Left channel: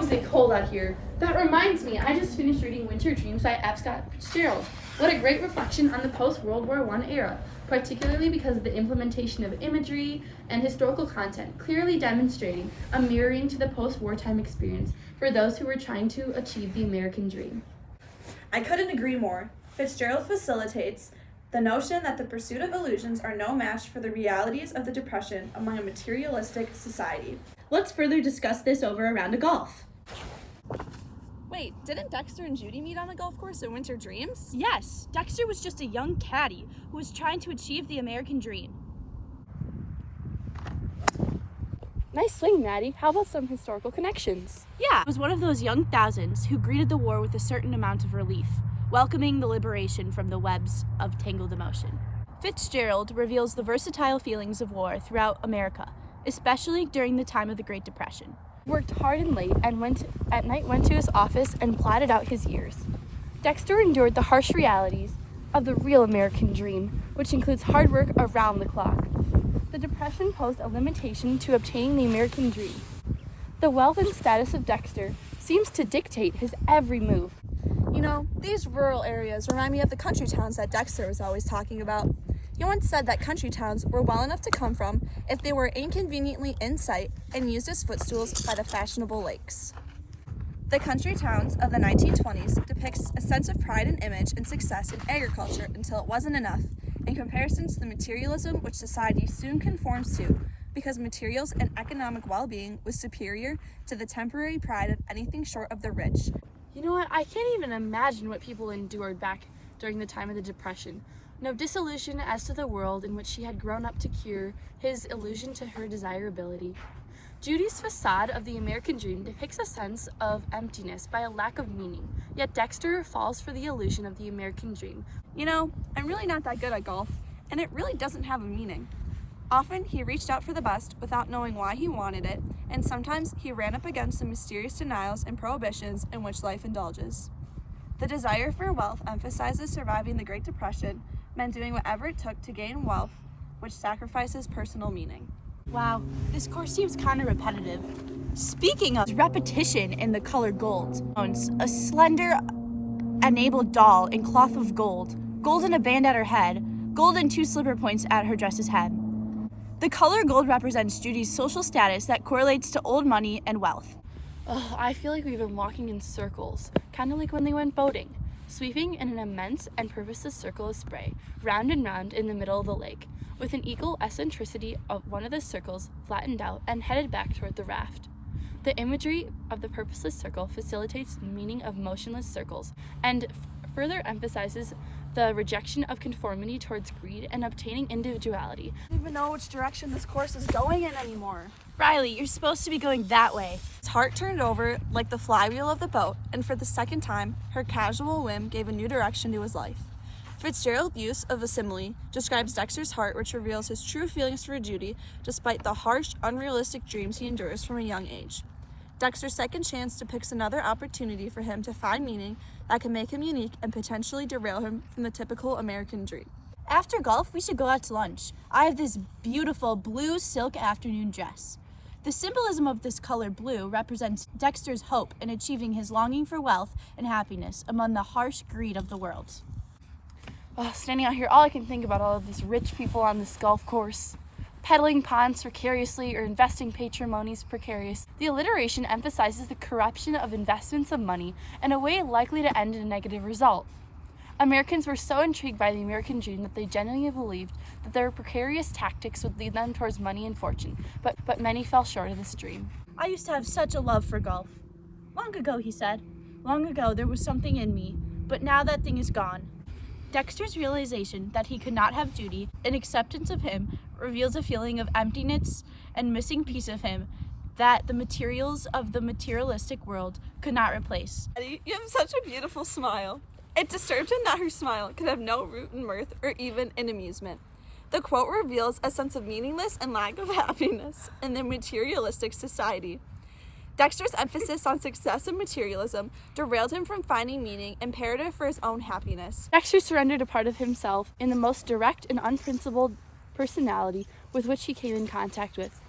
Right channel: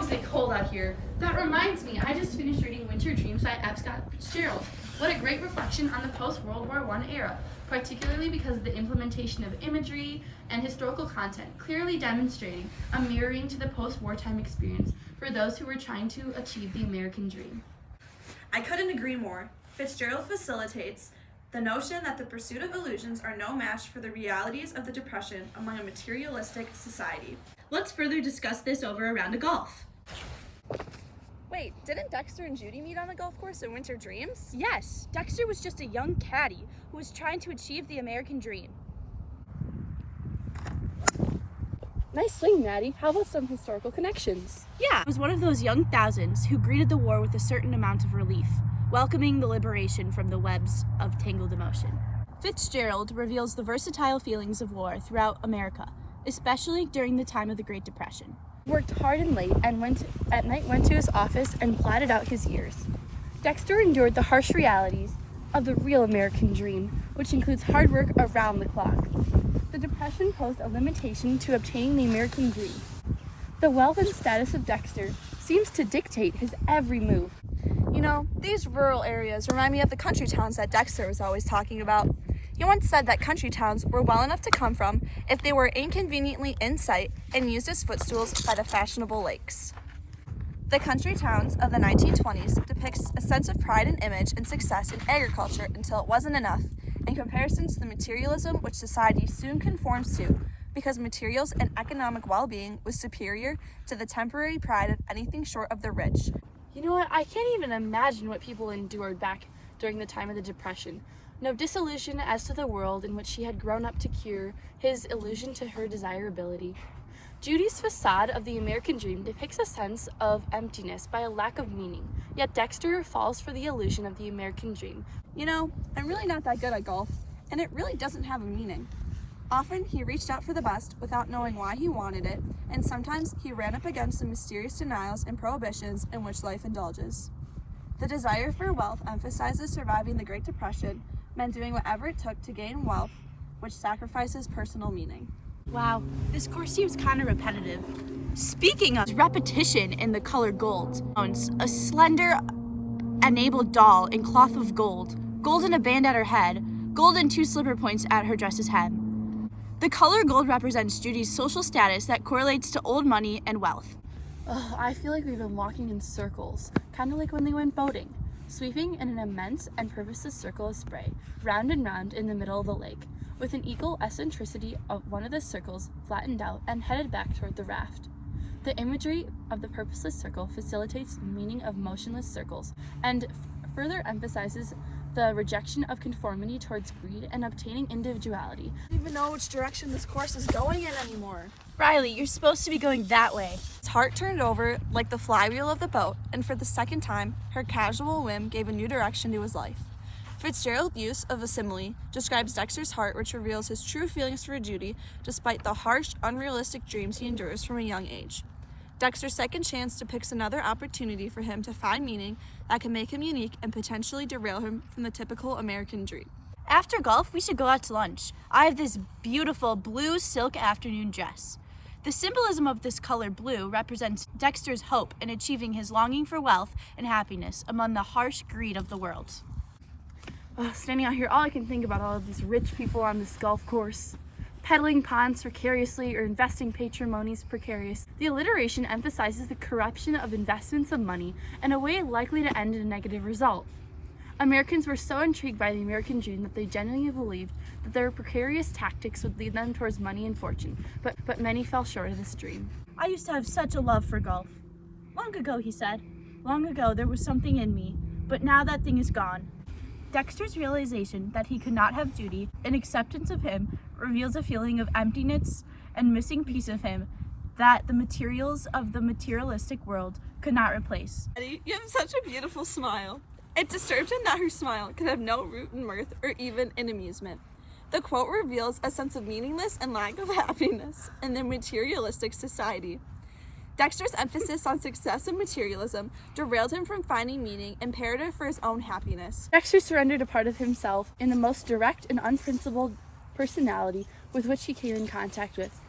is it cold out here. That reminds me, I just finished reading Winter Dreams by F. Scott Fitzgerald. What a great reflection on the post-World War I era, particularly because of the implementation of imagery and historical content, clearly demonstrating a mirroring to the post-wartime experience for those who were trying to achieve the American dream. I couldn't agree more. Fitzgerald facilitates the notion that the pursuit of illusions are no match for the realities of the Depression among a materialistic society. Let's further discuss this over a round of golf. Wait, didn't Dexter and Judy meet on a golf course in Winter Dreams? Yes, Dexter was just a young caddy who was trying to achieve the American dream. Nice swing, Maddie. How about some historical connections? Yeah, it was one of those young thousands who greeted the war with a certain amount of relief, welcoming the liberation from the webs of tangled emotion. Fitzgerald reveals the versatile feelings of war throughout America, especially during the time of the Great Depression. Worked hard and late and went to his office and plotted out his years. Dexter endured the harsh realities of the real American dream, which includes hard work around the clock. The Depression posed a limitation to obtaining the American dream. The wealth and status of Dexter seems to dictate his every move. You know, these rural areas remind me of the country towns that Dexter was always talking about. He once said that country towns were well enough to come from if they were inconveniently in sight and used as footstools by the fashionable lakes. The country towns of the 1920s depicts a sense of pride and image and success in agriculture until it wasn't enough, in comparison to the materialism which society soon conforms to, because materials and economic well-being was superior to the temporary pride of anything short of the rich. You know what? I can't even imagine what people endured back during the time of the Depression. No disillusion as to the world in which she had grown up to cure his illusion to her desirability. Judy's facade of the American dream depicts a sense of emptiness by a lack of meaning, yet Dexter falls for the illusion of the American dream. You know, I'm really not that good at golf, and it really doesn't have a meaning. Often he reached out for the best without knowing why he wanted it, and sometimes he ran up against the mysterious denials and prohibitions in which life indulges. The desire for wealth emphasizes surviving the Great Depression, meant doing whatever it took to gain wealth, which sacrifices personal meaning. Wow, this course seems kind of repetitive. Speaking of repetition in the color gold, owns a slender, enabled doll in cloth of gold, gold in a band at her head, gold and 2 slipper points at her dress's hem. The color gold represents Judy's social status that correlates to old money and wealth. I feel like we've been walking in circles, kind of like when they went boating, sweeping in an immense and purposeless circle of spray, round and round in the middle of the lake, with an equal eccentricity of one of the circles flattened out and headed back toward the raft. The imagery of the purposeless circle facilitates the meaning of motionless circles and further emphasizes the rejection of conformity towards greed and obtaining individuality. I don't even know which direction this course is going in anymore. Riley, you're supposed to be going that way. His heart turned over like the flywheel of the boat, and for the second time, her casual whim gave a new direction to his life. Fitzgerald's use of a simile describes Dexter's heart, which reveals his true feelings for Judy, despite the harsh, unrealistic dreams he endures from a young age. Dexter's second chance depicts another opportunity for him to find meaning that can make him unique and potentially derail him from the typical American dream. After golf, we should go out to lunch. I have this beautiful blue silk afternoon dress. The symbolism of this color blue represents Dexter's hope in achieving his longing for wealth and happiness among the harsh greed of the world. Standing out here, all I can think about all of these rich people on this golf course, peddling pawns precariously or investing patrimonies precarious. The alliteration emphasizes the corruption of investments of money in a way likely to end in a negative result. Americans were so intrigued by the American dream that they genuinely believed that their precarious tactics would lead them towards money and fortune, but many fell short of this dream. I used to have such a love for golf. Long ago, he said. Long ago, there was something in me, but now that thing is gone. Dexter's realization that he could not have Judy and acceptance of him reveals a feeling of emptiness and missing piece of him that the materials of the materialistic world could not replace. You have such a beautiful smile. It disturbed him that her smile could have no root in mirth or even in amusement. The quote reveals a sense of meaningless and lack of happiness in the materialistic society. Dexter's emphasis on success and materialism derailed him from finding meaning imperative for his own happiness. Dexter surrendered a part of himself in the most direct and unprincipled personality with which he came in contact with.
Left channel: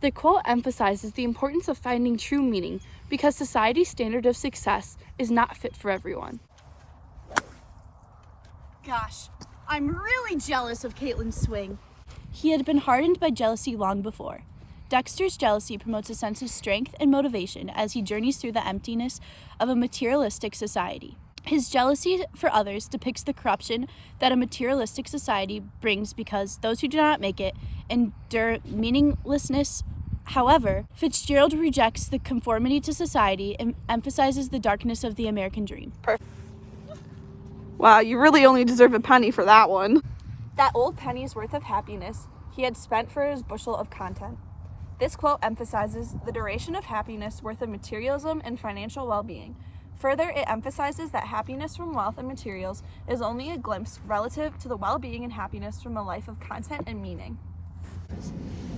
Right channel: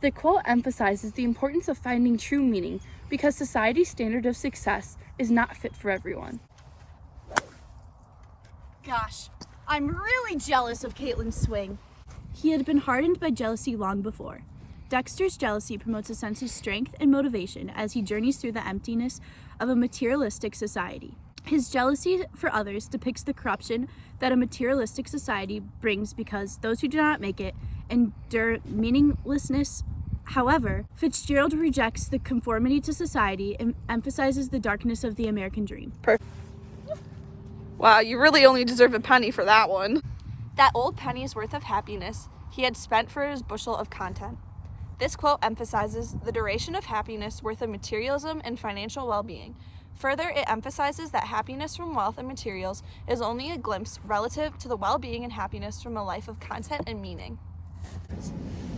The quote emphasizes the importance of finding true meaning, because society's standard of success is not fit for everyone. Gosh, I'm really jealous of Caitlin's swing. He had been hardened by jealousy long before. Dexter's jealousy promotes a sense of strength and motivation as he journeys through the emptiness of a materialistic society. His jealousy for others depicts the corruption that a materialistic society brings because those who do not make it endure meaninglessness. However, Fitzgerald rejects the conformity to society and emphasizes the darkness of the American dream. Wow, you really only deserve a penny for that one. That old penny's worth of happiness he had spent for his bushel of content. This quote emphasizes the duration of happiness worth of materialism and financial well-being. Further, it emphasizes that happiness from wealth and materials is only a glimpse relative to the well-being and happiness from a life of content and meaning.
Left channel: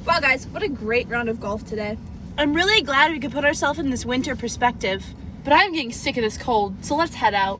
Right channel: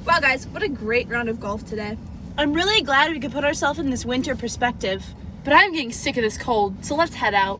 Wow, guys, what a great round of golf today. I'm really glad we could put ourselves in this winter perspective. But I'm getting sick of this cold, so let's head out.